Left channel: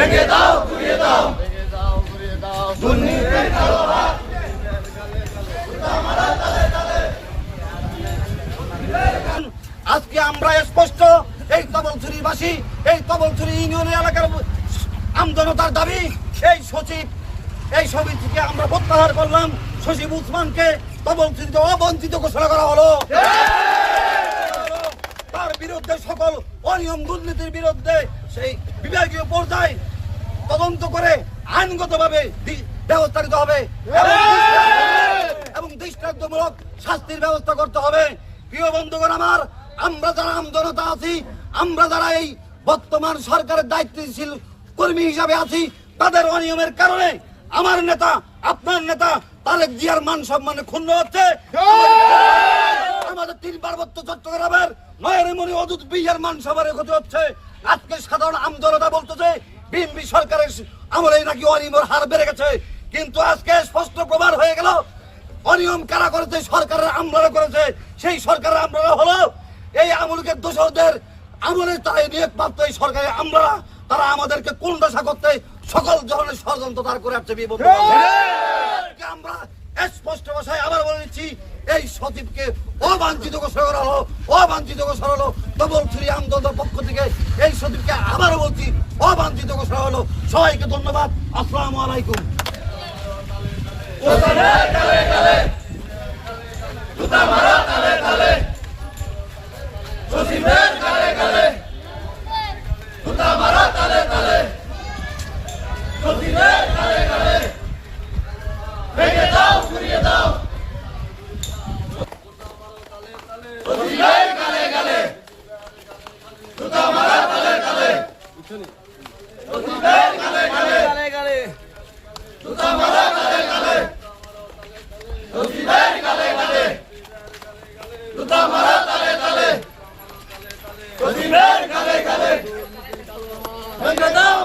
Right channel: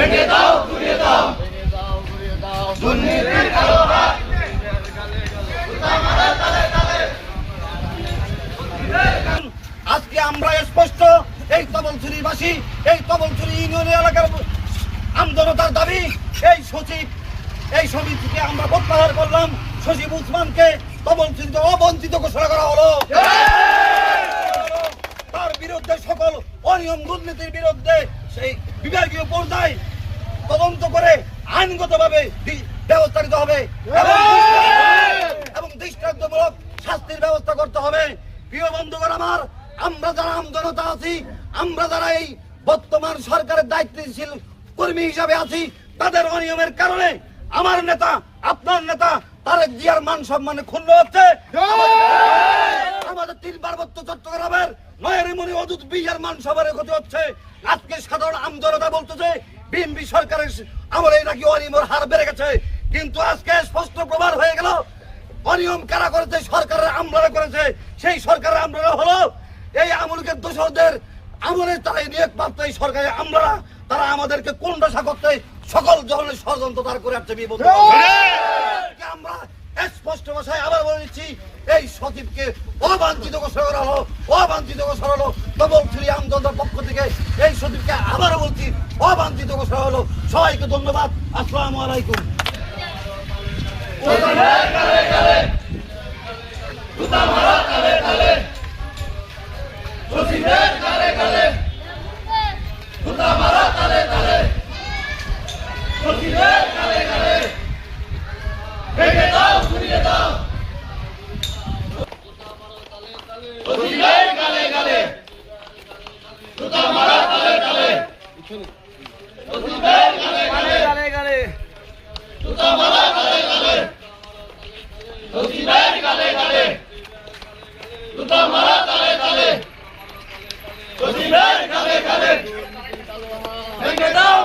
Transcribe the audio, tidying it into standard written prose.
ভেঙে দাও ঘুরিয়ে দাও, দুর্নীতির কালো হাত আজকে আমরা স্পষ্ট এই তবলছড়িবাসী, এই তবলছড়ি ইউনিয়ন এলাকার আমজনতার দাবি এই সমিতিকে আমরা প্রত্যাহার করলাম। সচিব উসমানকে তবলছড়িতে অবঞ্চিত ঘোষণা করা হলো। তার বিরুদ্ধে সকল অনিয়ম দুর্নীতির বিরুদ্ধে সেই বিভাগীয় পর্যায়ে তদন্ত করে আইনগতভাবে ব্যবস্থা নিতে হবে এবং দৃষ্টান্তমূলক শাস্তির ব্যবস্থা করতে হবে। প্রিয় বন্ধুগণ আমার, আমরা যারা আমজনতা আছি, আমরা যারা এই বর্তমান সরকারের দায়িত্বশীল কর্মী হিসাবে আছি, তাদের অনিয়মের কারণে আমার নেতা, আপনার নেতা তারেক জিয়ার মান সম্মানে ক্ষুণ্ণ হচ্ছে। আমাদের 3 পার্বত্য চট্টগ্রামের নয়নমণি অদূত বিহার মান সম্মানের ক্ষতি হচ্ছে। আজকে সাধারণ আমজনতা বলতেছে বিএনপি সরকারের আমলে নাকি অনিয়মের হার বেড়ে গেছে, কিন্তু আজকে স্পষ্ট প্রমাণ হয়ে গেল অনিয়ম কারা করেছে, সরকারের আমলারা করেছে। সেই সরকারের আমলারা হলো এই আমলকে দোষরদের আমলে তারা নিয়োগ প্রাপ্ত এই সরকারের আমলারা, তারা আমাদেরকে কোন দশা করতে সকল ধরনের ষড়যন্ত্র তার করে আসছে। আমরা স্পষ্ট ভাষায় আবার বলে দিচ্ছি, এই সচিবকে অবাঞ্ছিত ঘোষণা করা হলো, অবাঞ্ছিত ঘোষণা হলো তবলছড়ি আমজনতার পক্ষ থেকে। এই সচিবকে আবারও বলছি অবাঞ্ছিত ঘোষণা হলো। সবাইকে ধন্যবাদ। আসসালামু আলাইকুম। ভেঙে দাও ঘুরিয়ে দাও, গালে গালে জুতা মারা তালে তালে, গালে গালে জুতা মারা তালে তালে, গালে গালে জুতা মারা তালে তালে, গালে গালে ভেঙে দাও।